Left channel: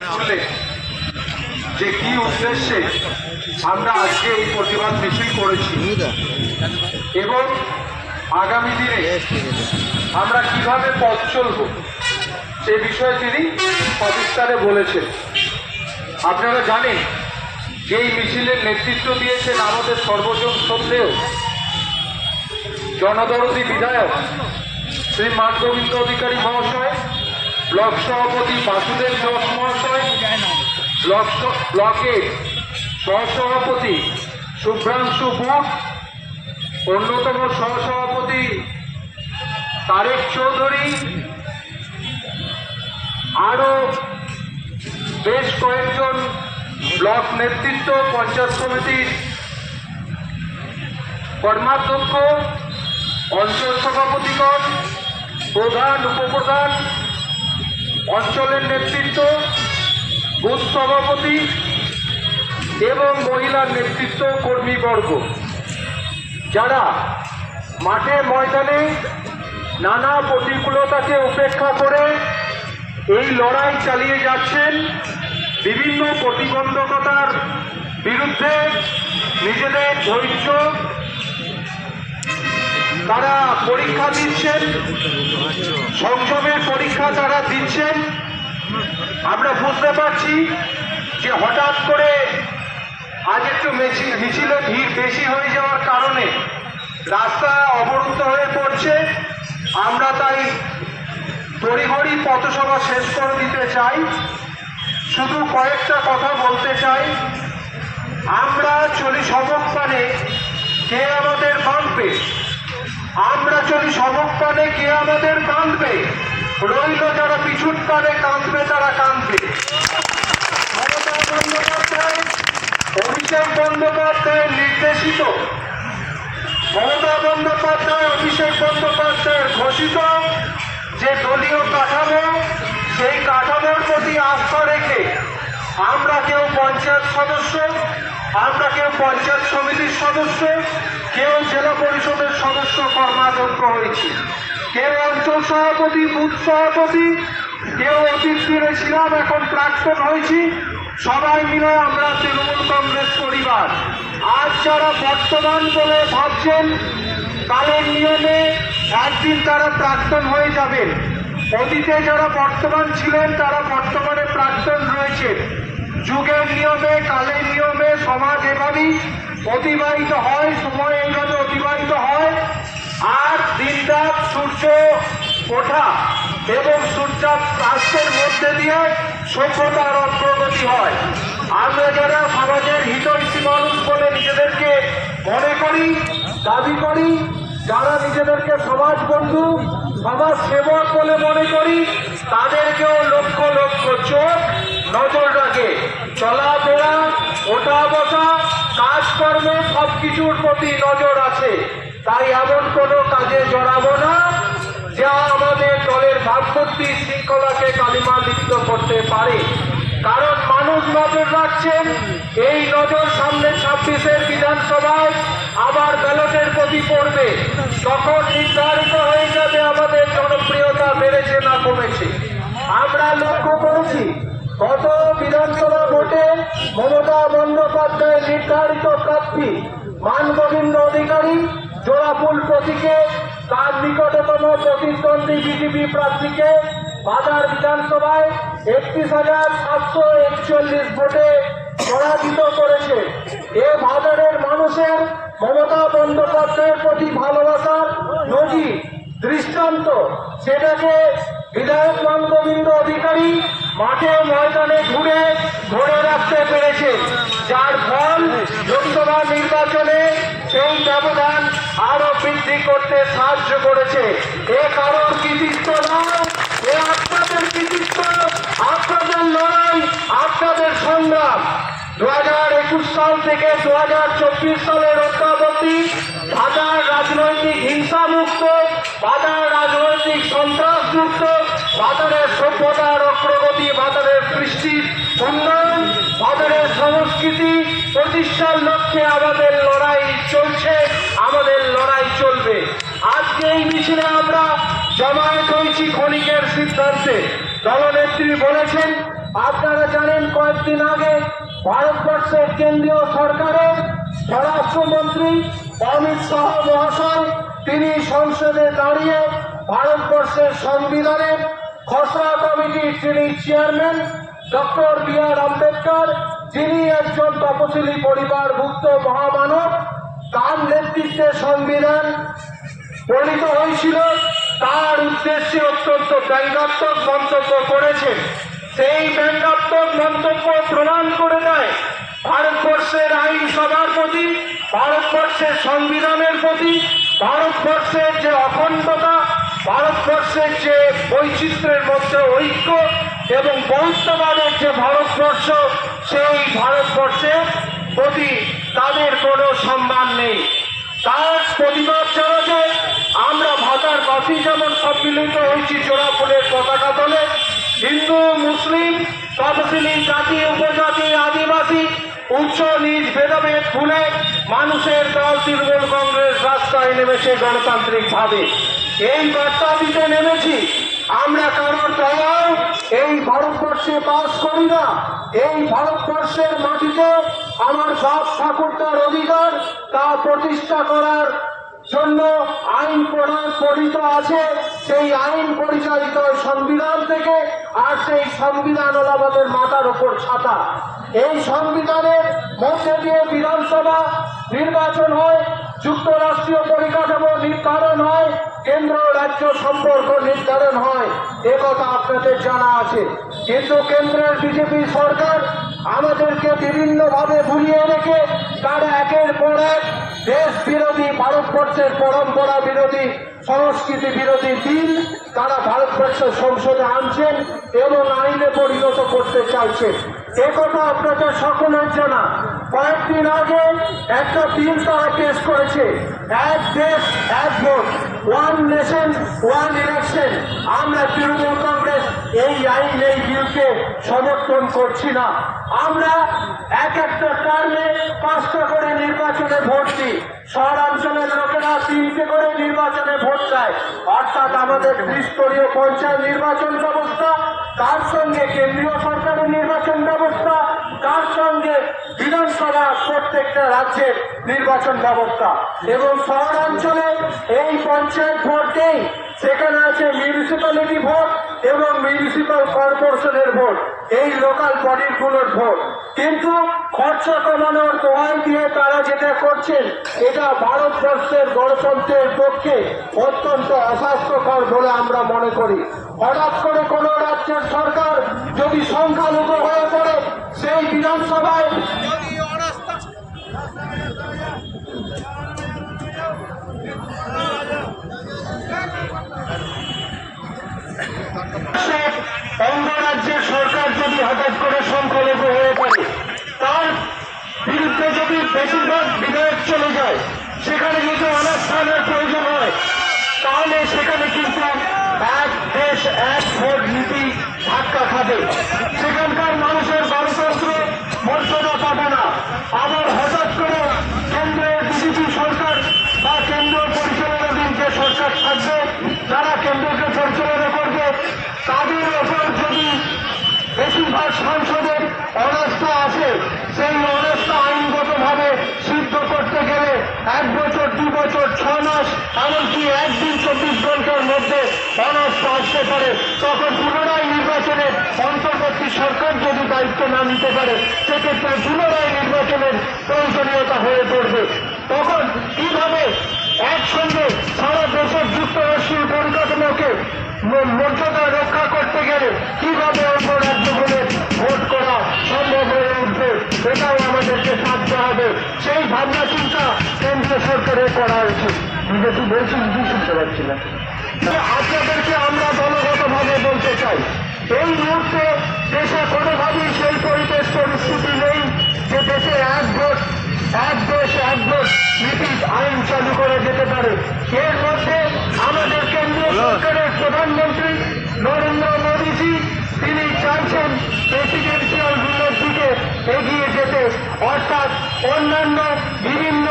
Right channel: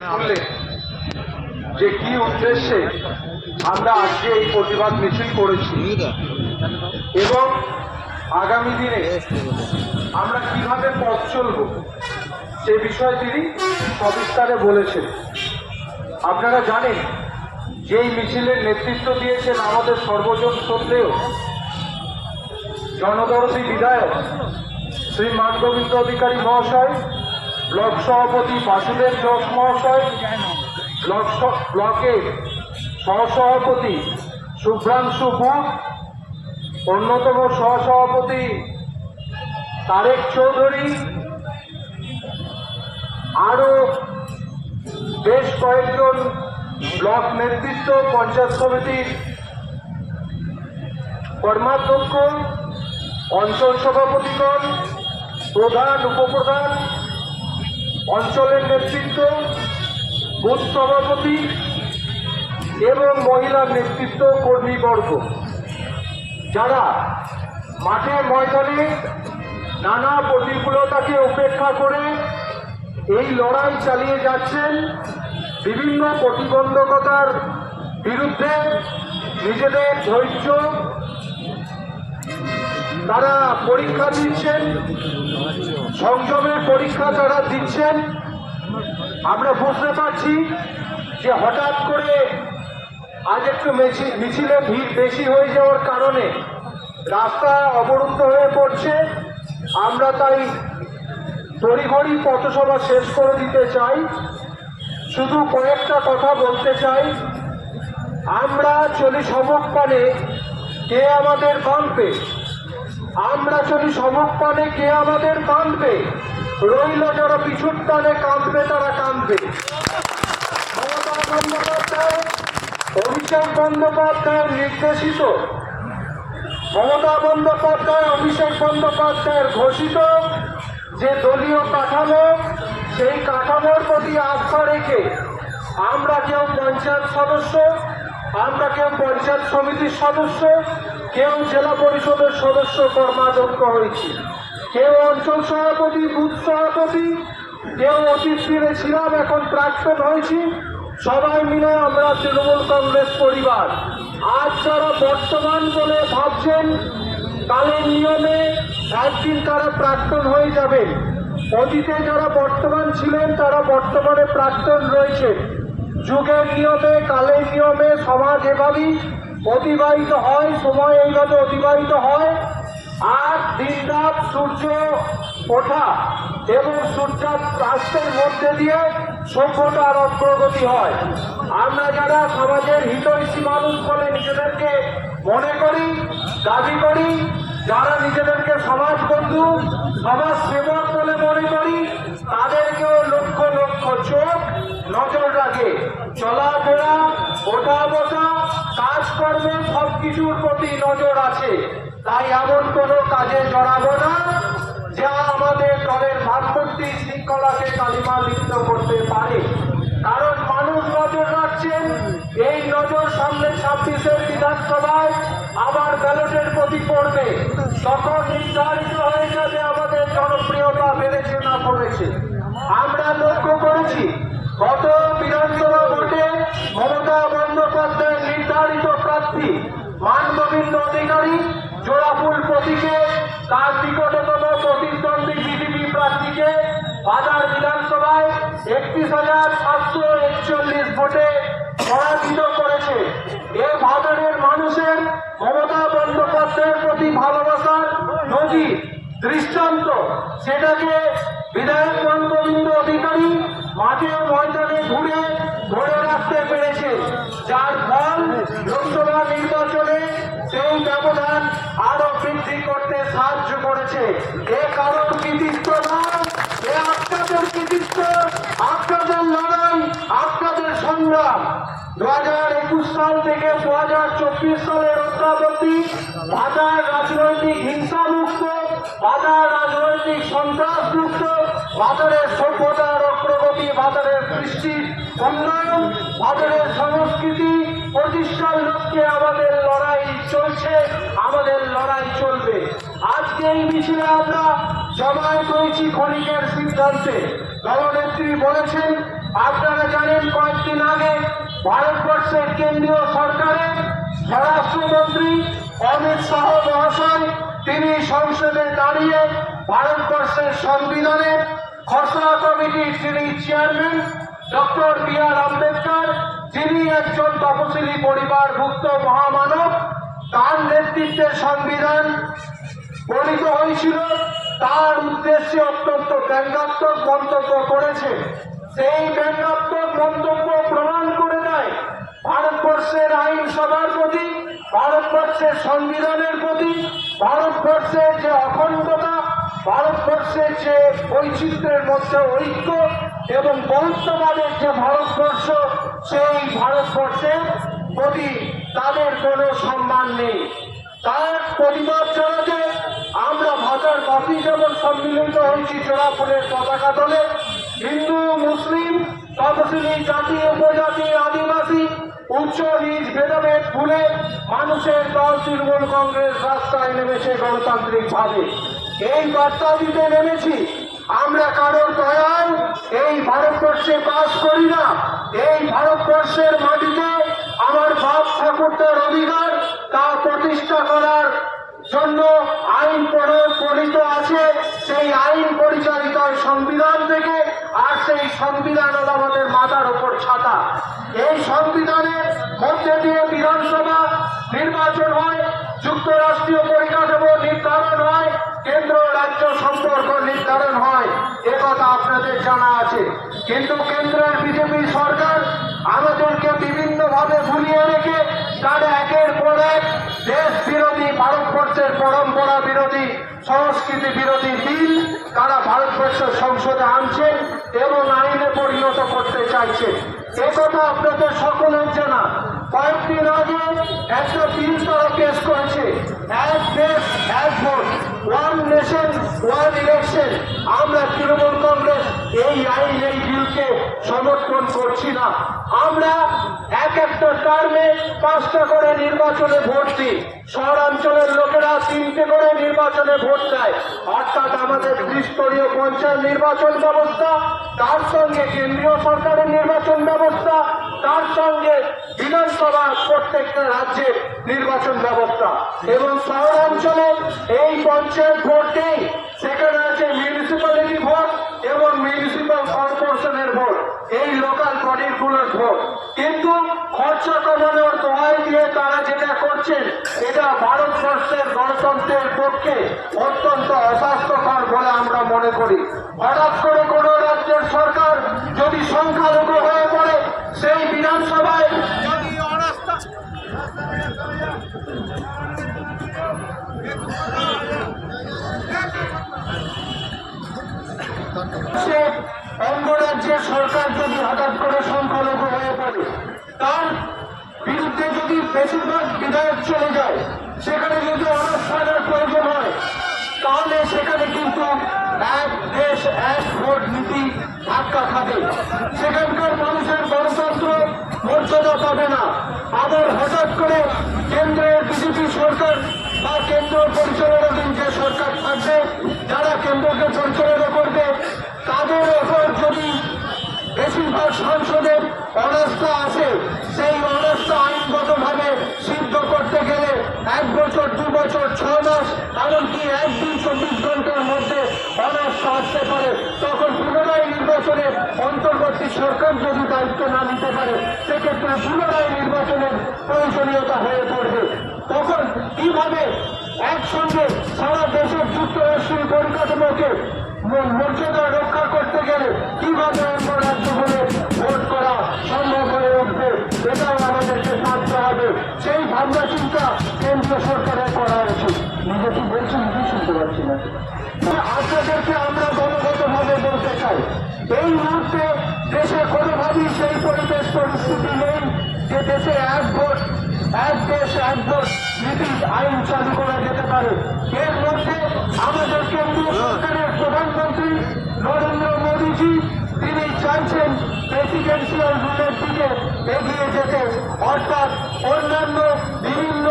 যে কি উদ্দেশ্যে আমরা আজকে এই প্রতিবাদ মিছিল করেছি এবং আগামী দিনে আমরা কিভাবে পথ চলব সে বিষয়ে তিনি সবিস্তারে বলেছেন। আপনারা জানেন যে এই মিছিলের নেতৃত্ব দিয়েছেন আমাদের সর্বজন শ্রদ্ধেয় জনদরদী বিধায়ক শ্রী মানগোবিন্দ অধিকারী মহাশয়, ব্লক সভাপতি বাসুদেব দাস মহাশয়, ব্লকের সহসভাপতি শুভ্রাংশু বুক, অন্যতম সহসভাপতি তারেক চৌধুরী, আরও বেশ কয়েকজন ব্লক নেতৃত্ব, পঞ্চায়েত সমিতির কর্মাধ্যক্ষ, অঞ্চল সভাপতিগণ, প্রধান উপপ্রধান, অঞ্চলের নেতৃত্ব, বুথ সভাপতি এবং মহিলার নেতৃত্ব কর্মীবর্গ, যারা মাঠে ময়দানে নানা প্রতিকূলতাকে উপেক্ষা করে এই লড়াই চালিয়ে যাচ্ছেন, বিভিন্ন প্রতিবন্ধকতার বিরুদ্ধে নিজেদের ধৈর্য তারা পরীক্ষা দিচ্ছেন, সংযমের পরীক্ষা তারা দিচ্ছেন। আমরা বুঝতে পারছি যে হঠাৎ করে আজ একটু মিছিলে ভিড় বেশি হয়ে যাওয়ার কারণে রাস্তা অবরুদ্ধ হয়ে পড়ছে। আমরা তাই তড়িঘড়ি পথসভা শেষ করে দিতে চাই। শুধু কয়েকটা কথা বলতে চাই। আমরা চলি সমক্ষণে, কে আমাদের বাঁধবে? আমরা চলি সমক্ষণে, কে আমাদের বাঁধবে? রইল যারা পিছুর টানে কাঁদবে, তারা কাঁদবে। মমতা বন্দ্যোপাধ্যায়, অভিষেক বন্দ্যোপাধ্যায়ের নির্দেশিত, মমতা বন্দ্যোপাধ্যায় অভিষেক বন্দ্যোপাধ্যায়ের ঘোষিত যে দলীয় কাঠামো, সেই কাঠামোর প্রতি আস্থা রেখে আমরা কেউ পঞ্চায়েত সদস্য, আমরা কেউ পঞ্চায়েত সমিতির সদস্য, কেউ জেলা পরিষদের সদস্য কর্মাধ্যক্ষ হয়েছি, কেউ অঞ্চল সভাপতি, বুথ সভাপতি, কেউ অতীত দিনে ছিলাম, এখন প্রাক্তন হয়েছি। সবাই মিলে আমরা তৃণমূল কংগ্রেস পরিবার। আজ যারা বর্তমান বলে ভাবছেন, কালের নিয়মে একদিন তারা প্রাক্তন হয়ে যাবেন। অতীতে যারা বর্তমান ছিলেন তারা বর্তমানে প্রাক্তন রয়েছে। যুগের নিয়মে, কালের নিয়মে সমাজ এভাবেই অতিবাহিত হয়, সময় এইভাবে অতিবাহিত হয়। আর দিনরাত সূর্য ওঠা এবং সূর্যাস্তের মধ্যে দিয়ে সভ্যতার অগ্রগতি হয়। আমরা যারা সমাজের হিতৈষী মানুষ বলে নিজেদেরকে মনে করি, দাবি করি, যারা নিজেদেরকে সমাজ বন্ধু, সমাজ সেবক বলে মনে করি, তাদেরকেও লক্ষ লক্ষ চোখ নজর রাখে। চলাফেরা, ওঠা বসা, কাজকর্ম সবকিছুর প্রতি নজর আছে। তাই এমন কোনো কাজে জড়াবো না যা আমাদের দলের ভাবমূর্তি শৃঙ্খলাকে কালিমালিপ্ত করতে পারে। কারণ মানুষ নজর রাখছেন, এই নজর সামনে 26-এর বিধানসভায় আবার ব্যালটের প্রতি পড়বে। তখন নির্ধারিত হয়ে যাবে আমাদের জনপ্রিয়তা বেড়েছে না কমেছে। আমরা লক্ষ্য করেছি গত বিধানসভা ভোটে মমতা বন্দ্যোপাধ্যায় নির্ধারিত প্রার্থী মানগোবিন্দ অধিকারী জোড়াফুল প্রতীকে তার নিকটতম প্রতিদ্বন্দ্বী বিজেপি প্রার্থীকে বাজার বিধানসভায় 31,741 ভোটে পরাজিত করেছে। এ বাজারের মানুষের মমতা বন্দ্যোপাধ্যায়ের প্রতি ভালোবাসার নজির, দৃষ্টান্ত, সেটাকে বিধায়ক মানগোবিন্দ অধিকারী মাঠে ময়দানে ঘুরে ধরে রাখতে পেরেছে, যার ফল লোকসভা নির্বাচনে সেই ব্যবধান আরো বৃদ্ধি করতে সাহায্য করেছে। এ কারণ কৃতিত্ব নয়, এ আপনাদের কৃতিত্ব, আপনাদের লড়াই, আপনাদের সংগ্রাম। 2021 সাল থেকে 2024 সালের অদ্যাবধি বাজার রাজনৈতিক হিংসা মুক্ত, বাজার রাজনৈতিক সন্ত্রাস মুক্ত, বাজারের সভ্যতার অগ্রগতি, বাজারের কৃষ্টির উন্নয়ন, বাজারের সংস্কৃতি প্রতিষ্ঠার লক্ষ্যে আমাদের লড়াই চলছে, আমাদের লড়াই চলবে। আজকে এই মিছিলে আমরা জমায়েত হয়েছি ক্ষণিকের সিদ্ধান্তে। দলনেত্রী বলেছেন আপনারা ভারতবর্ষের কেন্দ্রীয় সরকারের স্বরাষ্ট্রমন্ত্রী অমিত শাহ মহাশয়, তিনি সংসদে দাঁড়িয়ে ভারতবর্ষের সংবিধানের খসড়া কমিটির যিনি চেয়ারম্যান ডক্টর বি.আর. আম্বেদকর, যিনি একজন তপশিলি পরিবারভুক্ত মহামানব, তার নেতৃত্বে সংবিধান প্রণীত হয়েছিল, তার উদ্দেশ্যে অত্যন্ত ব্যঙ্গাত্মক মন্তব্য করেছে। সেই ব্যঙ্গাত্মক মন্তব্য প্রমাণ করে দেয় ভারতবর্ষের আইনসভার প্রতি, ভারতবর্ষের সংবিধানের প্রতি, ভারতবর্ষের যে অখণ্ডতা, ভারতবর্ষের যে বৈচিত্র্যের মধ্যে ঐক্য এবং বৌদ্ধবাদের যে ভারতবর্ষ, সেই ভারতবর্ষের প্রতি তাদের কোনো সম্মান নেই। তার প্রতিবাদ জানাতে আমরা ভাতার বাসী যেমন সম্মিলিত হয়েছি জোড়া ফুলের পতাকা তোলে, হিন্দু মুসলিম তপশিলি জাতি উপজাতি আদিবাসী উচ্চ নিজ ভেদাভেদ ভুলে মানুষের দল তৃণমূল কংগ্রেস রাস্তায় নেমেছে গণতান্ত্রিক ভাবে। এই বার্তা দিতে নেমেছি, আমরা কারোর দয়ায় এই ভারতবর্ষে বাস করি না। এই ভারতবর্ষের মাটিতে আমার বাপ ঠাকুরদার অধিকার, তা প্রতিষ্ঠা করার জন্য আইন প্রণীত আছে। সেই আইন পরিচালিত সংবিধান থেকে, আর সেই সংবিধান হল আমাদের মাথার উপর ছাতা। এই সংবিধানের মধ্যে দিয়ে বিধানসভা নির্বাচন হয়, যুক্তরাষ্ট্রীয় পরিকাঠামো নির্ধারণ হয়, কেন্দ্র রাজ্য সম্পর্ক নির্ধারণ হয়, একথা আপনাদের জানা আছে। কিন্তু কেন্দ্রের বিজেপি সরকার আমাদেরকে বিভিন্নভাবে ভুলিয়ে রেখে তারা একের পর এক দেশ বিরোধী, ভারতবর্ষের পরম্পরা বিরোধী, সংস্কৃতি বিরোধী বিল তারা ভারতবর্ষের সংসদে আনছেন এবং আইনে পরিণত করতে চাইছেন। একথা আপনাদের সকলের জানা। কয়েকদিন আগে একটা বিল তারা পেশ করেছে, এক দেশ এক vote, one nation one election. আমরা তৃণমূল কংগ্রেস এই আইন, এই বিলকে সমর্থন করছি না। আমরা এক একটা টার্মে 5টা করে নির্বাচনে ভোট দিই, শহরাঞ্চলের লোকেরা 3টে করে নির্বাচনে ভোট দেয়। অর্থাৎ আমাদের ত্রিস্তরীয় পঞ্চায়েত নির্বাচন ব্যবস্থা, তার সঙ্গে কেন্দ্রীয় সরকারের নির্বাচন ব্যবস্থা, তার সঙ্গে বিধানসভা প্রত্যেকটা রাজ্যের নির্বাচন ব্যবস্থা। এবং শহরাঞ্চলে এই পঞ্চায়েত ভোট নেই, সেখানে আছে মিউনিসিপ্যালিটি ভোট এবং মিউনিসিপ্যাল কর্পোরেশনের ভোট, এই লোকাল বডিগুলোর ভোট। কিন্তু খরচা কমানোর দোহাই দিয়ে তারা যেটা করছেন, এটা ভারতবর্ষের গণতন্ত্রের পক্ষে অত্যন্ত অস্বাস্থ্যকর বলে আমরা মনে করি। হঠাৎ করে কোন রাজ্যের সরকার যদি সংখ্যালঘু হয়ে পড়ে, সেই বিধানসভায় যদি অনাস্থা অঙ্গরাজ্যের সরকার যদি হঠাৎ করে সংখ্যালঘু হয়ে পড়ে, তার বিরুদ্ধে যদি বেশিরভাগ বিধায়ক চলে যায়, সেখানে যদি অনাস্থানের প্রয়োজন হয়, তাহলে সেখানে কিন্তু এক দেশ এক ভোট নীতি ধাক্কা খাবে। সেখানকার মানুষের গণতন্ত্র মর্যাদা পাবে না। আবার হঠাৎ করে কেন্দ্রের বিজেপি সরকার বা কেন্দ্র পরিচালনাধীন যে সরকার থাকবে, যারা কেন্দ্রকে পরিচালনা করবে, তাদের ওপর যদি বেশিরভাগ সাংসদের অনাস্থা আসে, সেই অনাস্থা আইনগতভাবে সিদ্ধ করতে গেলে 1 বছর 2 বছর 6 মাস, এমনকি একদিন 24 ঘন্টার মধ্যে অনাস্থা আসতে পারে। তখন পুনরায় নির্বাচনের অন্তর্বর্তী সরকার যদি দায়িত্ব না নিতে পারে, সেক্ষেত্রে পুনরায় নির্বাচনের প্রয়োজনীয়তা হয়ে পড়বে। তখন কিভাবে একসঙ্গে সারা দেশের যুক্তরাষ্ট্রীয় পরিকাঠামোকে মর্যাদা রক্ষা করতে গেলে কিভাবে অন্য রাজ্যগুলো ভোট করা সম্ভব হয়ে উঠবে, এটাও আমাদেরকে ভাবতে হবে। সেই ভাবনা চিন্তা কেন্দ্রীয় সরকারের করা উচিত। নিজেকে বলছেন, কি শুনতে পাচ্ছি না। আপনাদেরকে আমরা দলগতভাবে বলতে চাই, এই মুহূর্তে দেশে কোনোভাবেই সেই পরিবেশ পরিস্থিতি নেই যে দেশে এক ভোট এক দেশ এক ভোট নীতি আইন চালু করা যেতে পারে। এর মধ্যে আমাদের কেন্দ্রীয় সরকারের প্রধানমন্ত্রী নরেন্দ্র মোদীজি, তিনি চাইছেন প্রেসিডেন্সিয়াল রুলের দিকে এগিয়ে যেতে। অর্থাৎ অন্যান্য বিভিন্ন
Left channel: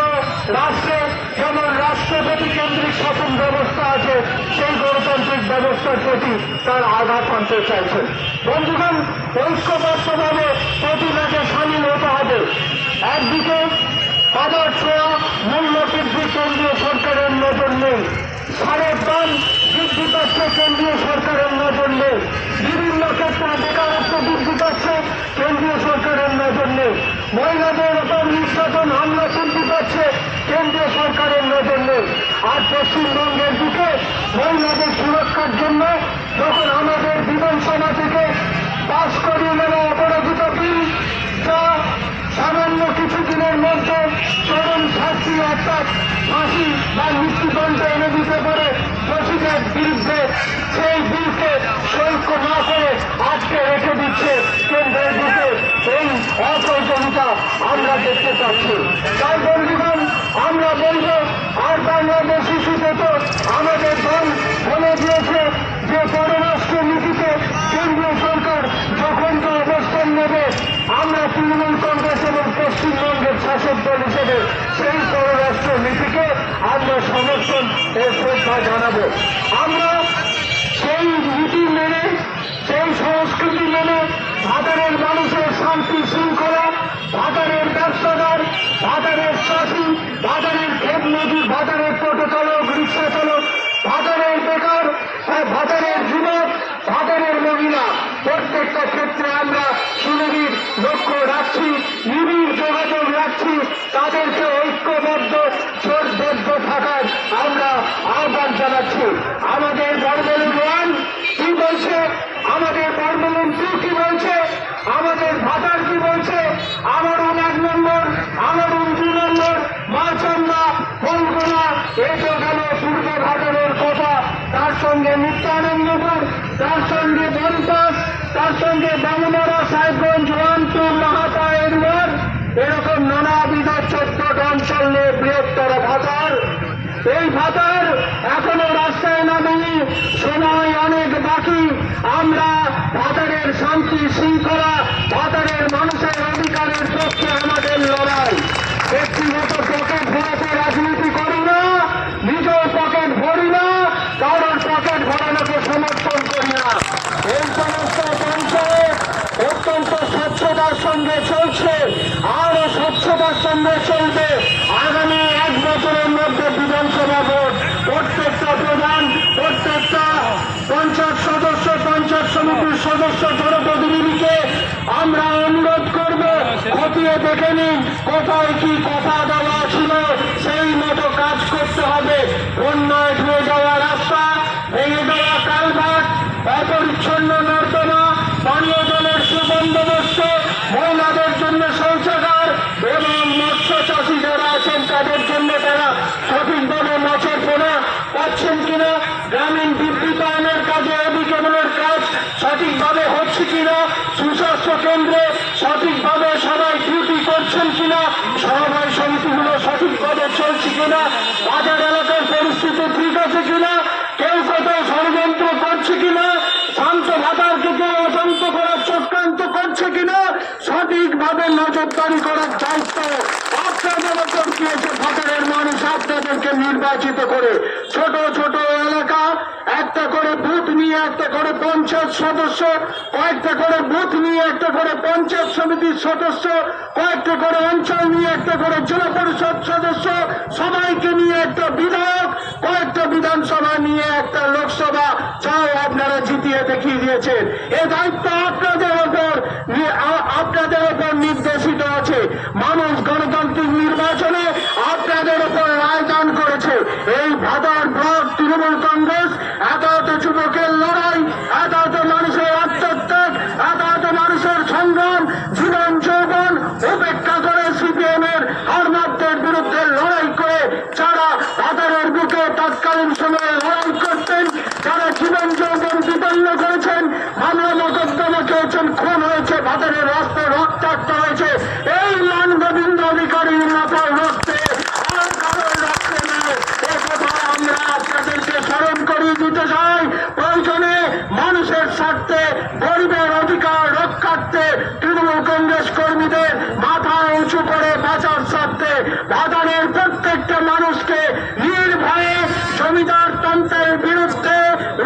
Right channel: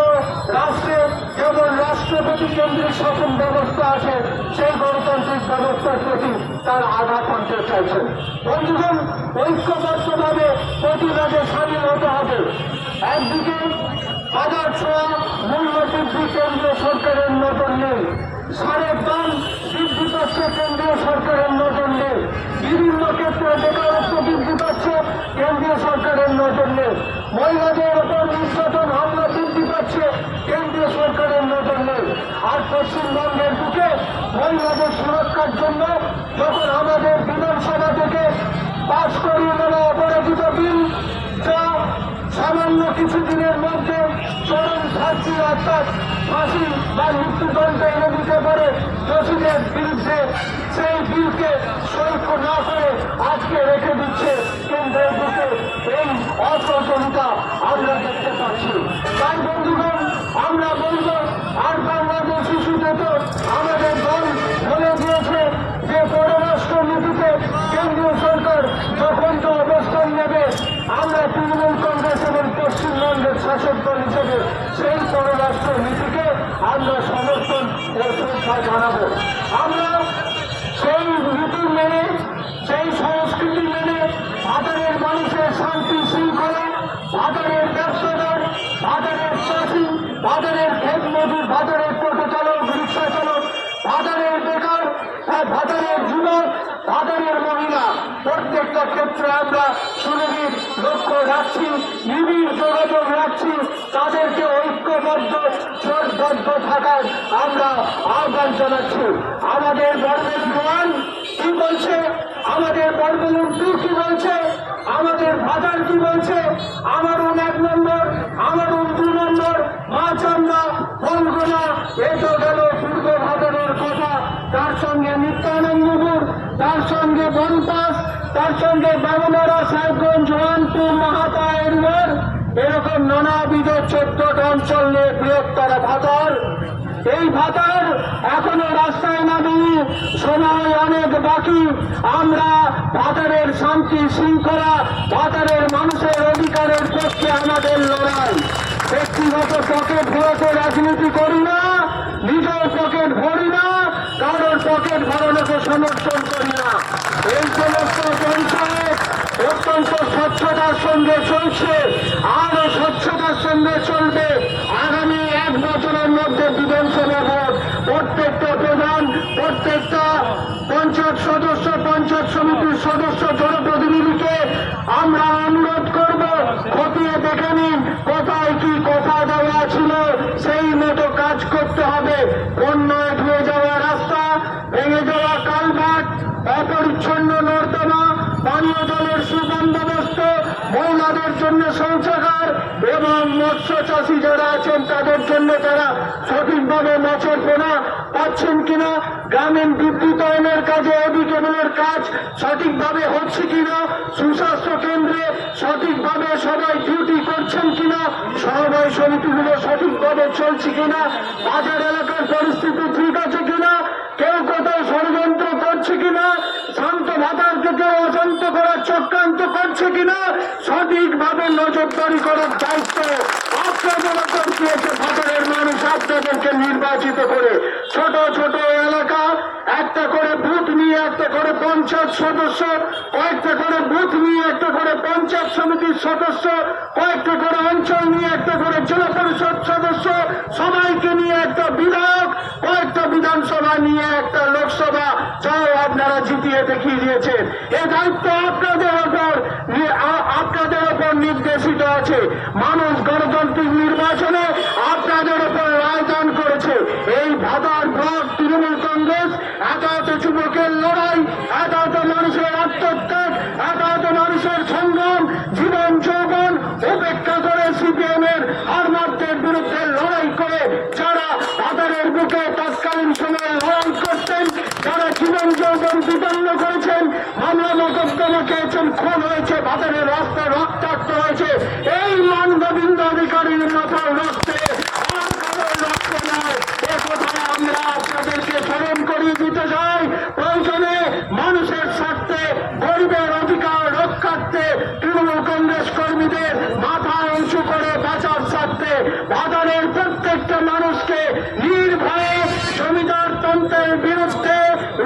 রাষ্ট্রে যেমন রাষ্ট্রপতি কেন্দ্রিক শাসন ব্যবস্থা আছে, সেই গণতান্ত্রিক ব্যবস্থার প্রতি তার আঘাত আনতে চাইছেন। বন্ধুগণ, ঐক্যবদ্ধভাবে প্রতিবাদে সামিল হতে সারের দাম বৃদ্ধি পাচ্ছে, কেন্দ্রীয় সরকারের নজর নেই। বিভিন্ন ক্ষেত্রে বেকারত্ব বৃদ্ধি পাচ্ছে, কেন্দ্রীয় সরকারের নজর নেই। মহিলাদের ওপর নির্যাতন হামলা বৃদ্ধি পাচ্ছে, কেন্দ্রীয় সরকারের নজর নেই। আর পশ্চিমবঙ্গের দিকে মহিলাদের সুরক্ষার জন্য যখন আমাদের বিধানসভা থেকে পাস করিয়ে নেওয়া অপরাজিত বিল, যা সামান্য কিছুদিনের মধ্যে চরম শাস্তি অর্থাৎ ফাঁসি বা মৃত্যুদণ্ড এনে দিতে পারে দোষীদের বিরুদ্ধে, সেই বিলকে সৈক্য না করে আজকে রেখে দিচ্ছে কেন্দ্রের দিকে। এই অপ্রয়োজনীয়তা আমরা দেখতে পাচ্ছি। তাই বন্ধুগণ, আমরা বলব আর বাংলাদেশ শিশুতে তো আমাদের দল বলে দিয়েছে যে পররাষ্ট্র নীতিতে কেন্দ্রীয় সরকার যখন তো অবস্থান নেবে, আমরা তৃণমূল কংগ্রেস এবং পশ্চিমবঙ্গের শাসক দল হিসেবে সেই পররাষ্ট্র নীতিকে আমরা সমর্থন ও শ্রদ্ধা জানাবো। আমরা সেই নীতি মেনে, সেই সংস্কৃতি মেনে ভাতারের মানুষের শান্তি শৃঙ্খলা, ভাতারের ব্যবসাদার, ভাতারের চাষি, ভাতারের ক্ষেত মজুর, ভাতারের টোটো চালক, রিক্সা চালক, ভাতারের বেকার, ভাতারের যুবক, ভাতারের মহিলা, প্রত্যেকটা ক্ষেত্রে আমরা সুনিবিড় লক্ষ্য রাখছি, নিবিড় যোগাযোগ রাখছি। তাদেরকে ঐক্যবদ্ধ জোটবদ্ধ থাকার আমরা আহ্বান জানাচ্ছি। আমাদের বর্গলুন 1 কি বলছে, আমাদের বর্গলুন 2 কি বলছে, আমাদের ভাতার কি বলছে, আমারুন 1 নম্বর, আমারুন 2 নম্বর, মাচন্না, বলগুনা, এই তো গেল পূর্ব ঘাটনের কথা। তার সঙ্গে নিত্যানন্দপুর, তার সঙ্গে বনপাস, তার সঙ্গে বামনারা, সাহেবগঞ্জ, রামপুর, মাহাতা, এরবার, এরকম নানাবিধ 14টা অঞ্চল নিয়ে বৃহত্তর ভাতার। এই ভাতার এখনো রাস্তায় নামেনি, সময় অনেক বাকি। আমরা ভাতারের শান্তি শৃঙ্খলা, ভাতারের মানুষের অধিকারের পক্ষে আমাদের লড়াই। ব্যক্তিগত পকেট ভরাতে রাজনীতি করি না, নিজের পকেট ভরি না, কারোর পকেট ভরানোকে সমর্থন করি না। এই সমস্ত পঞ্চায়েত অত্যন্ত স্বচ্ছতার সঙ্গে চলছে, আরো স্বচ্ছতার সঙ্গে চলবে। আগামী 1 বছরের মধ্যে বিধানসভা ভোট, প্রত্যেকটা প্রধান, প্রত্যেকটা পঞ্চায়েত সদস্য, পঞ্চায়েত সমিতির সদস্য, জনপ্রতিনিধিকে আমরা অনুরোধ করব, খতিয়ে দেখে নিন কোথায় কি কথা দেওয়া ছিল, সেই মতো কাজ করতে হবে। বন্যায় ধুয়ে যাওয়া রাস্তা, ভেঙে যাওয়া কালভার্ট, অপরিচ্ছন্ন নর্দমা, পানীয় জলের সুবন্দোবস্ত, মহিলাদের জন্য শৌচাগার এবং মৎস্য চাষী যারা আছেন তাদের জন্য তারা সঠিকভাবে মাছের পোনা পাচ্ছেন কিনা, গ্রামীণ বিদ্যুতায়নের কাজে অধিকেবলের কাজ সঠিকভাবে হচ্ছে কিনা, সুস্বাস্থ্য কেন্দ্রে সঠিকভাবে সবাই ডিউটি করছেন কিনা, সমবায় সমিতিগুলো সঠিকভাবে চলছে কিনা, বাজার এলাকার পরিস্থিতি ঠিক আছে কিনা, কেউ কোথাও ষড়যন্ত্র করছে কিনা, শান্ত ভাতারকে কেউ অশান্ত করার চক্রান্ত করছে কিনা, সঠিকভাবে নজরদারি করার দায়িত্ব আপনাদের ওপর দিয়েছে ভাতারের মানুষ। আপনাদেরকে নির্বাচিত করে ছোট ছোট এলাকা, একটা করে বুথ নিয়ে একটা করে পঞ্চায়েত সদস্য, কয়েকটা করে বুথ নিয়ে একটা করে পঞ্চায়েত সমিতির সদস্য, কয়েকটা করে অঞ্চল নিয়ে একটা করে জেলা পরিষদ সদস্য, সবাইকে নিয়ে একটা বিধায়ক, কয়েকটা বিধানসভা নিয়ে একটা লোকসভা, যাও আপনারা জিতিয়ে দেখিয়ে দিয়েছেন। এ দায়িত্ব আপনাদের ওপর নির্দেশিত আছে। মানুষ গণতান্ত্রিক নির্বাচনে আপনাদের ওপর রায়দান করেছে। এই ভাতার ব্লক তৃণমূল কংগ্রেস এত যুবকের লড়াই, এত মানুষের আত্মত্যাগ, এত মানুষের সংগ্রাম, জীবন যৌবন উপেক্ষা করে সিপিএমের হারমাত্রের বিরুদ্ধে লড়াই করে যারা ভাতারের বুকে তৎকালীন সময়ে লড়াই করতেন, যারা জীবন যৌবন বিপন্ন করেছেন, মামলা মোকদ্দমা খেয়েছেন, খুন হয়েছে, ভাতারের রাস্তায় রক্তাক্ত হয়েছে, এই মান গোবিন্দ অধিকারীর মাথার রক্তে আর কারোর রক্তে নয়। এ কথা আমরা আপনাদেরকে স্মরণ করিয়ে দিতে চাই। প্রয়োজনে মানুষের স্বার্থে, গরিবের অধিকার রক্ষার্থে তৃণমূল কংগ্রেস কর্মীদের মাথা উঁচু করে বাঁচার স্বার্থে ভাতারের প্রত্যেকটা মানুষকে নির্ভয়ে জমিদার তন্ত্রের বিরুদ্ধে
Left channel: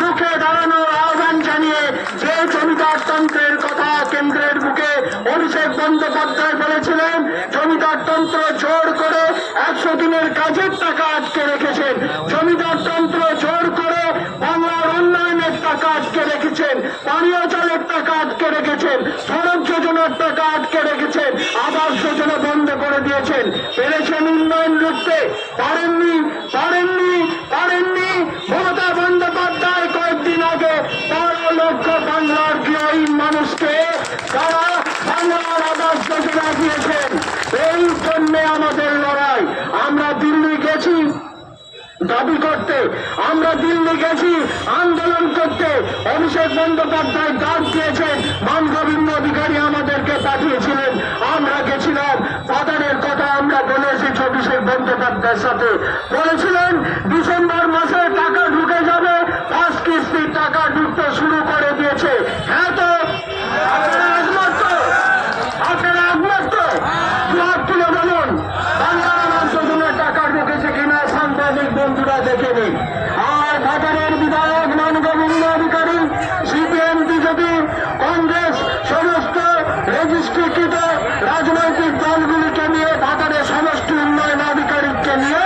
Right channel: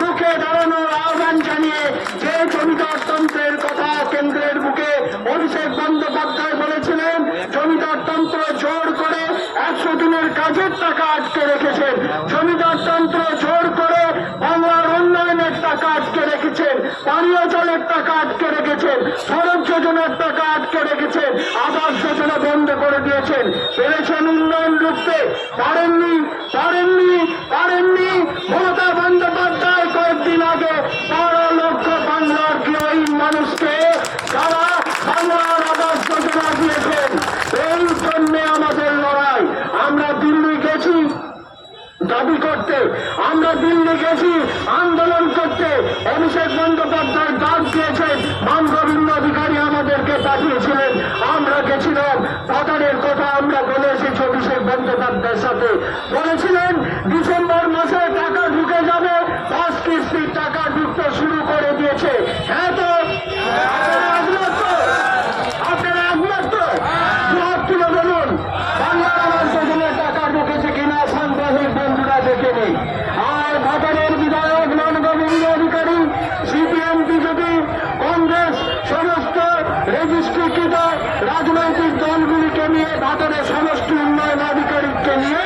রুখে দাঁড়ানোর আহ্বান জানিয়ে, যে জমিদার তন্ত্রের কথা কেন্দ্রের বুকে অভিষেক বন্দ্যোপাধ্যায় বলেছিলেন, জমিদার তন্ত্র জোর করে 100 দিনের কাজের টাকা আটকে রেখেছেন, জমিদার তন্ত্র টাকা আটকে রেখেছেন, সড়ক যোজনার টাকা আটকে রেখেছেন, আবাস যোজনা বন্ধ করে দিয়েছেন। পেরেছেন উন্নয়ন রুখতে? পারেননি, পারেননি, পারেননি। মমতা বন্দ্যোপাধ্যায় কয়েকদিন আগে 12 লক্ষ বাংলার গৃহহীন মানুষকে তারা বাংলার আবাস যোজনা দিয়েছেন। এই জন্য আমাদের লড়াই। আমরা দিল্লি গেছি দাবি করতে, আমরা দিল্লি গেছি আন্দোলন করতে। অভিষেক বন্দ্যোপাধ্যায় ডাক দিয়েছেন, মান গোবিন্দ অধিকারী আমাদেরকে পাঠিয়েছিলেন, আমরা গেছিলাম। বাজারের কথা আমরা বলে এসেছি অভিষেক বন্দ্যোপাধ্যায়ের সাথে। বলেছিলেন ডিসেম্বর মাসে টাকা ঢুকে যাবে, 5 কিস্তির টাকা ঢুকতে শুরু করে দিয়েছে। হ্যাঁ তো আপনারা একমত তো? আপনারা একমত তো? হাত তুলে বলুন বাংলার আবাস যোজনার টাকা ঢুকেছে কিনা সাংবাদিক বন্ধুরা দেখে নিন। আর বাজারের বিধায়ক মান গোবিন্দ অধিকারী, সিপিএম, বিজেপি, কংগ্রেস সমস্ত রেজিস্ট্রিকৃত রাজনৈতিক দলগুলিকে নিয়ে বাজারের সমষ্টি উন্নয়ন আধিকারিককে নিয়ে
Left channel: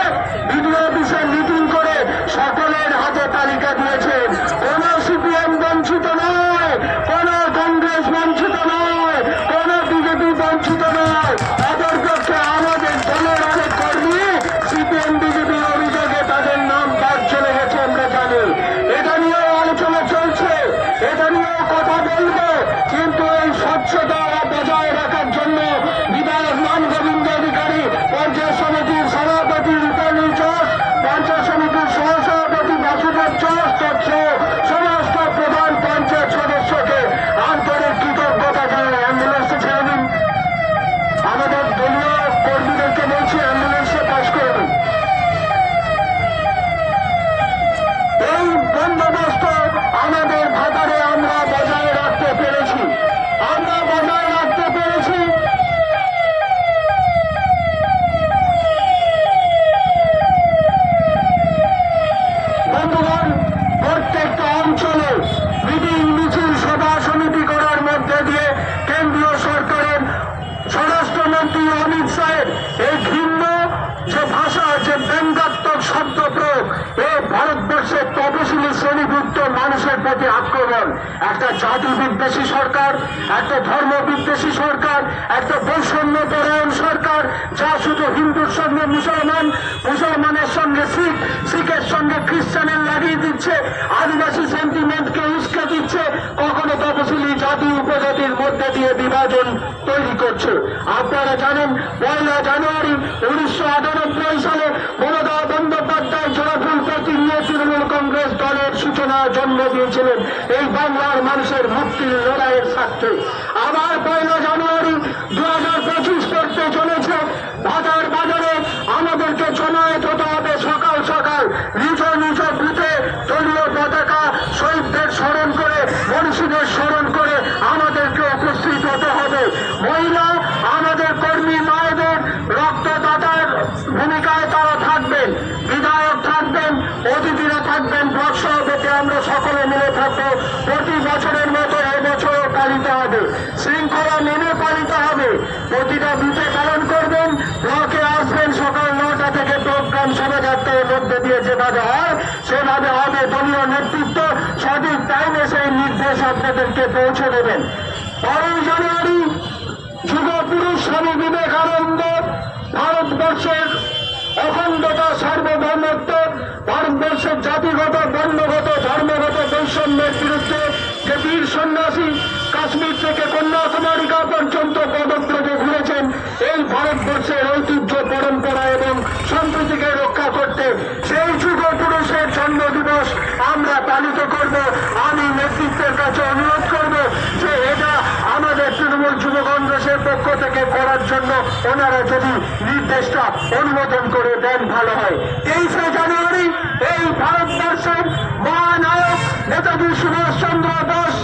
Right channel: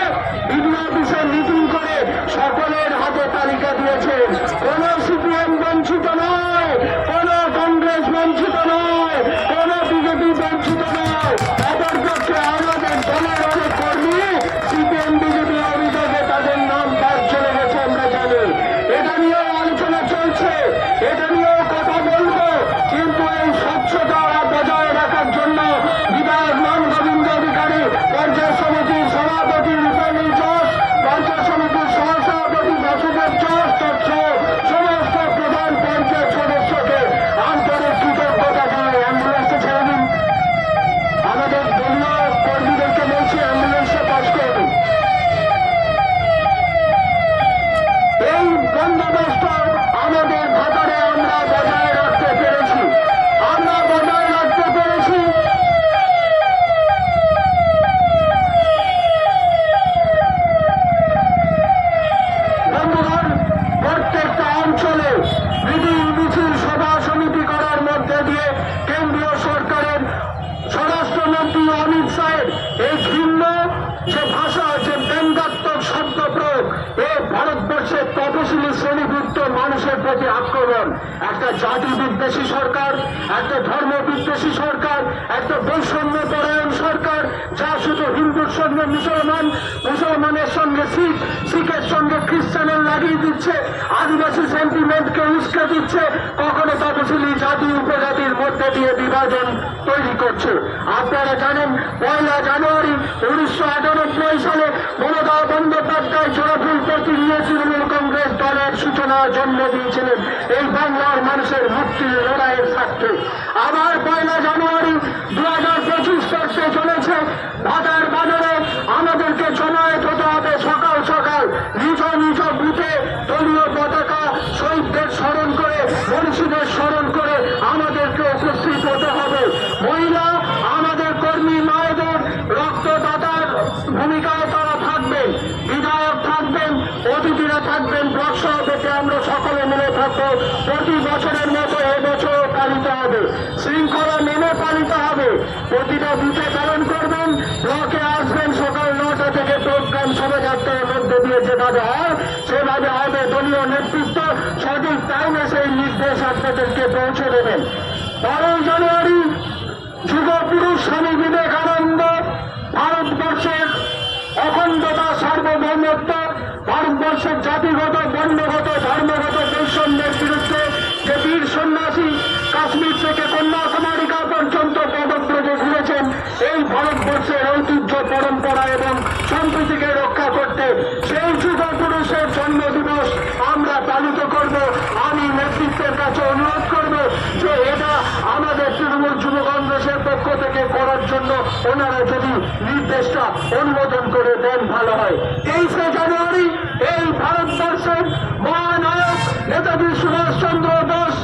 বিডিও অফিসে মিটিং করে সকলের হাতে তালিকা দিয়েছেন। কোন সিপিএম বঞ্চিত নয়, কোন কংগ্রেস বঞ্চিত নয়, কোন বিজেপি বঞ্চিত নয়। অপরপক্ষে আমাদের দলের অনেক কর্মী সিপিএম বিজেপি অভিযোগে তাদের নাম বাদ চলে গেছে, আমরা জানি। এটা নিয়েও আলোচনা চলছে, এটা নিয়েও কথা বলবো। কিন্তু এই স্বচ্ছতা বজায় রাখার জন্য বিধায়ক মান গোবিন্দ অধিকারী, পঞ্চায়েত সমিতির সভাপতি রূপালী চোষ, পঞ্চায়েত সমিতির সহসভাপতি বাসুদেব চোষ সমস্ত প্রধান পঞ্চায়েত সদস্যকে আন্তরিক কৃতজ্ঞতা জানাই। অ্যাম্বুলেন্সে ছেড়ে দিন, আমাদের দলীয় কর্মীদেরকে বলছি অ্যাম্বুলেন্সে কাজ করবেন। এই বন্দোবস্ত আমাদের ভাতারে আমরা বজায় রাখতে পেরেছি, আমরা বজায় রাখতে পেরেছি। বন্ধুগণ, প্রত্যেকটা অঞ্চলে মিটিং মিছিল সভা সমিতি করার মধ্যে দিয়ে কেন্দ্রীয় সরকারের স্বরাষ্ট্রমন্ত্রী অমিত শাহের এই ভিন্ন যে ভাষা, যে ব্যঙ্গাত্মক শব্দ প্রয়োগ, এ ভারতবর্ষের তপশিলি শ্রেণীভুক্ত মানুষের প্রতি আক্রমণ। একটা জাতি বিদ্বেষী সরকার, একটা ধর্ম বিদ্বেষী সরকার, একটা বৈষম্য পরায়ণ সরকার, যা শুধু হিন্দুর সঙ্গে মুসলমান, মুসলমানের সঙ্গে শিখ, শিখের সঙ্গে খ্রিস্টানের লাগিয়ে দিচ্ছে, আদিবাসী সেন্টিমেন্টকে উস্কে দিচ্ছে, কখনো তপশিলি জাতি উপজাতির মধ্যে দিয়ে বিভাজন তৈরি করছে। আপনারা জানেন 1 জানুয়ারি 1998 সালে মমতা বন্দ্যোপাধ্যায় জোড়াফুল প্রতি নিয়ে তৃণমূল কংগ্রেস দলের সূচনা জন্ম দিয়েছিলেন এই বাংলার মানুষের মুক্তির লড়াইয়ের স্বার্থে। আবার 1 জানুয়ারি 2025 করতে চলেছে। বাজারে আমাদেরকে জমায়েত হতে হবে সকাল সকাল, নিজ নিজ বুথে দলীয় পতাকা, শহীদদের স্মরণ করে, মনীষীদের স্মরণ করে আমাদেরকে উপস্থিত হতে হবে। মহিলা আমাদের কর্মী মায়েদের রক্তদাতার ভূমিকায় তারা থাকবেন, বিধায়ক থাকবেন, অতিথিরা থাকবেন, ব্লক সভাপতি আমরা সকলে মিলে থাকবো। প্রতি বছরের মতো এবছরও পালিত হবে, শৃঙ্খলা মেনে পালিত হবে। প্রতিটা বুথে পালন করবেন, ব্লকে আসবেন সকাল 9টা থেকে প্রোগ্রাম শোভাযাত্রার মধ্যে দিয়ে যেভাবে হয় সেভাবে হবে। দলীয় নেতৃত্ব সঠিক টাইমে সেই নির্দেশ আপনাদেরকে পৌঁছে দেবেন। 12 জানুয়ারি যুগপুরুষ স্বামী বিবেকানন্দ ভারতবর্ষের অখণ্ডতা, সার্বভৌমত্ব, ভারতবর্ষের জাতিগত, বর্ণগত, ধর্মগত বৈষম্যের বিরুদ্ধে যে বীর সন্ন্যাসী কাশ্মীর থেকে কন্যাকুমারিকা পর্যন্ত পদব্রজে ঘুরেছেন, এই ভারতবর্ষের ঐতিহ্য, পরম্পরা এবং সম্প্রীতিকে রক্ষা করতে সেই যুগ পুরুষের জন্ম দিবস আমরা পালিত করব। আমি নেতৃত্বের কাছে অনুরোধ করব যে এটা আমাদের তৃণমূল যুব কংগ্রেসের পক্ষ থেকে করার জন্য ওনারা যদি নির্দেশটা অনুমোদন করে দেন ভালো হয়। 23 জানুয়ারি এই ভারতবর্ষের মহানায়ক নেতাজি সুভাষচন্দ্র বোস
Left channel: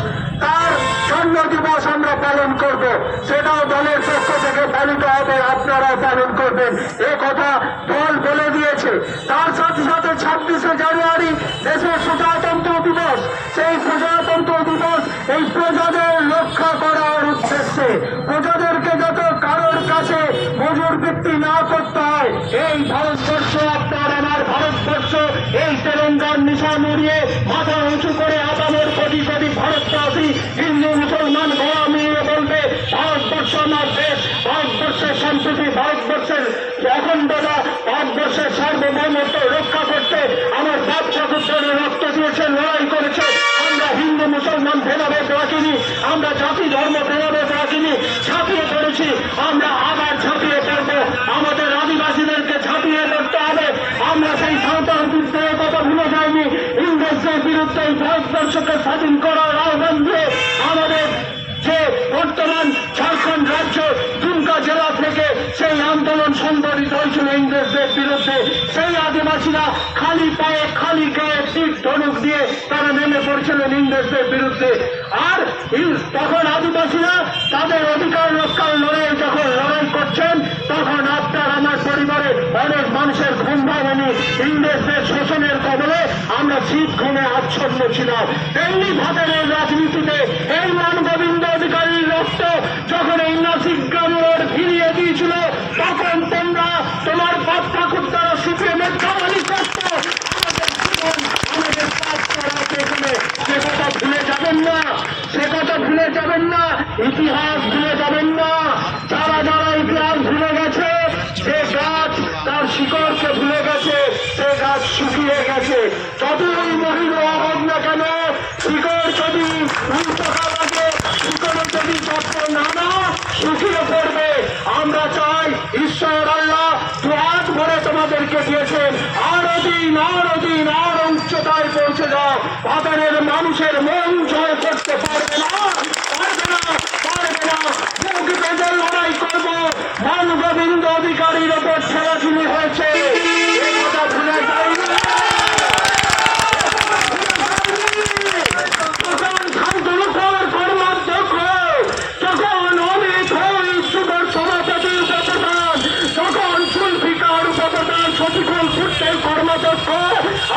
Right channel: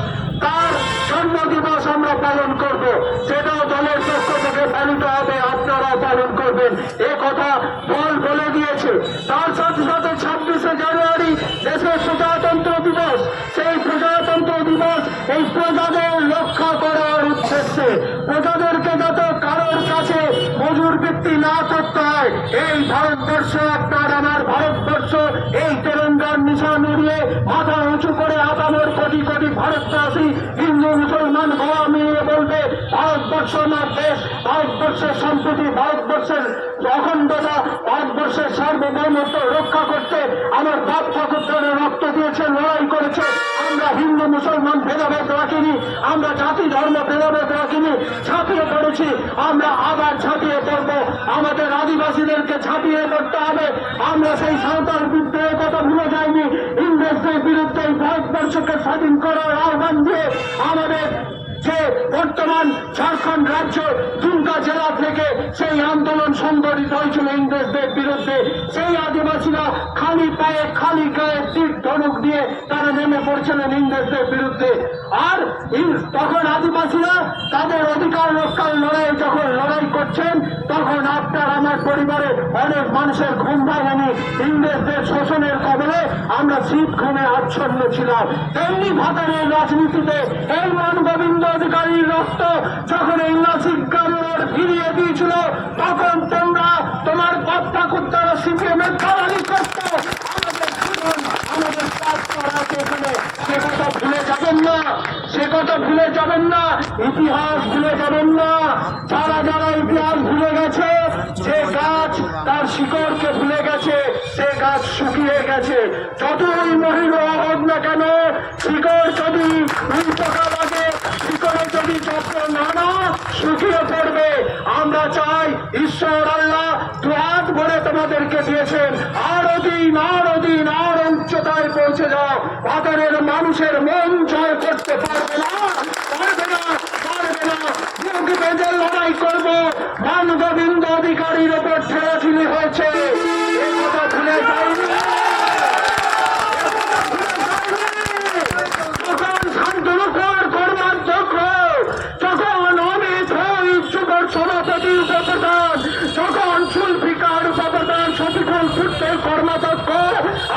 তার জন্ম দিবস আমরা পালন করব, সেটাও দলের পক্ষ থেকে পালিত হবে, আপনারা পালন করবেন, এ কথা দল বলে দিয়েছে। তার সাথে সাথে 26 জানুয়ারি দেশের প্রজাতন্ত্র দিবস। সেই প্রজাতন্ত্র দিবস এই প্রজাদের রক্ষা করার উদ্দেশ্যে, প্রজাদেরকে যত কারোর কাছে মজুর বৃত্তি না করতে হয়, এই ভারতবর্ষ আপনার আমার ভারতবর্ষ, এই তেলেঙ্গার নিশান উড়িয়ে মাথা উঁচু করে আপামর কোটি কোটি ভারতবাসী হিন্দু মুসলমান বাবা মেয়ে বলবে ভারতবর্ষ আমার দেশ, ভারতবর্ষের সম্পত্তি, ভারতবর্ষের অখণ্ডতা, ভারতবর্ষের সার্বভৌমত্ব রক্ষা করতে আমার বাপ ঠাকুরদের রক্ত দিয়েছে, লড়াই করেছে। আমরা হিন্দু মুসলমান ভেদাভেদ রাখিনি, আমরা জাতি ধর্ম ভেদাভেদ রাখিনি, ঝাঁপিয়ে পড়েছি, আমরা আবার ঝাঁপিয়ে পড়বো। আমাদের আদিবাসীদেরকে ঝাঁপিয়ে পড়তে হবে। আমরা সেই সাঁওতাল বিদ্রোহের কথা ভুলে যাইনি। ইংরেজদের বিরুদ্ধে এই ভারতবর্ষকে স্বাধীন করার আহ্বান দিয়ে আমাদের যে বর্তমান ঝাড়খণ্ড রাজ্য দুমকা জেলা থেকে সেই আন্দোলন সংগঠিত হয়েছিল ইংরেজদের বিরুদ্ধে, সেই আদিবাসীরা খালি পায়ে খালি গায়ে তীর ধনুক দিয়ে তারা নেমে পড়ছিলেন ইংরেজদের বিরুদ্ধে। আর তখন আদিবাসীরা তাদের অধিকার রক্ষার লড়াই যখন লড়াই করছেন, তখন আপনার আমার পরিবারে অনেক মানুষের ঘুম ভাঙেনি। ইংরেজদের শোষণের কবলে আমরা শীত ঘুমে আচ্ছন্ন ছিলাম। তেমনি ভাতারের রাজনীতিতে এই মান গোবিন্দ অধিকারীর রক্ত যখন এই নাসিক গ্রামের ফিরিয়ে দিয়েছিল, তখন তোমরা তোমার বাপ ঠাকুর দ্বারা সিপিএমের দালালি করত। আমাদের এখানে সে কথা ভুলে যাবেন না, সে কথা ভুলে যাবেন না, ইতিহাস ভুলে যাবেন না। যারা যারা ইতিহাস ভুলে গেছে, যে গাছ তার শিকড়কে ভুলে গেছে, সে গাছ শুকিয়ে গেছে। যতই মহিম হোক না কেন, শিকড় যদি উল্টোকা লাগে, শিকড়ে যদি যত্ন না না, শুকিয়ে পড়বে। আমরা চাই ঈশ্বর আল্লাহ দুহাত ভরে তোমাদেরকে দিয়েছেন, আরো দিন আরো দিন আরো উচ্চতায় পৌঁছে যাও। ভাতারের মানুষের মন জয় করতে পারবে না, পারবে না, পারবে না। প্রকৃতিতে যে লড়াই করবো, মান গোবিন্দ অধিকারীর ওপর ছেড়াছুড়ি হয়েছে, এ কথা ভুলে যাইনি। তখন শান্তনু কর্মাধ্যক্ষ, তখন অনেক যুবক সভাপতি উপপ্রধান, তখন চুলফিকার উপপ্রধান শফিকুল ফুট্টের কর্মাধ্যক্ষ,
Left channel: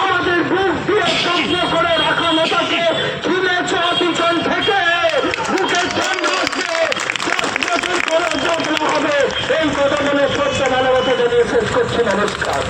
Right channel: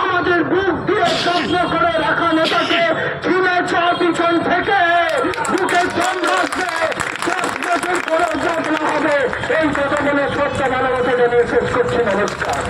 আমাদের বুক দিয়ে স্বপ্ন করে রাখা নেতাকে চুলেছ পিছন থেকে বুকের জন্ম আসবে, 10 বছর করে ভোট না হবে। এই কথা বলে সত্য ভালোবাসা জানিয়ে শেষ করছি। নমস্কার।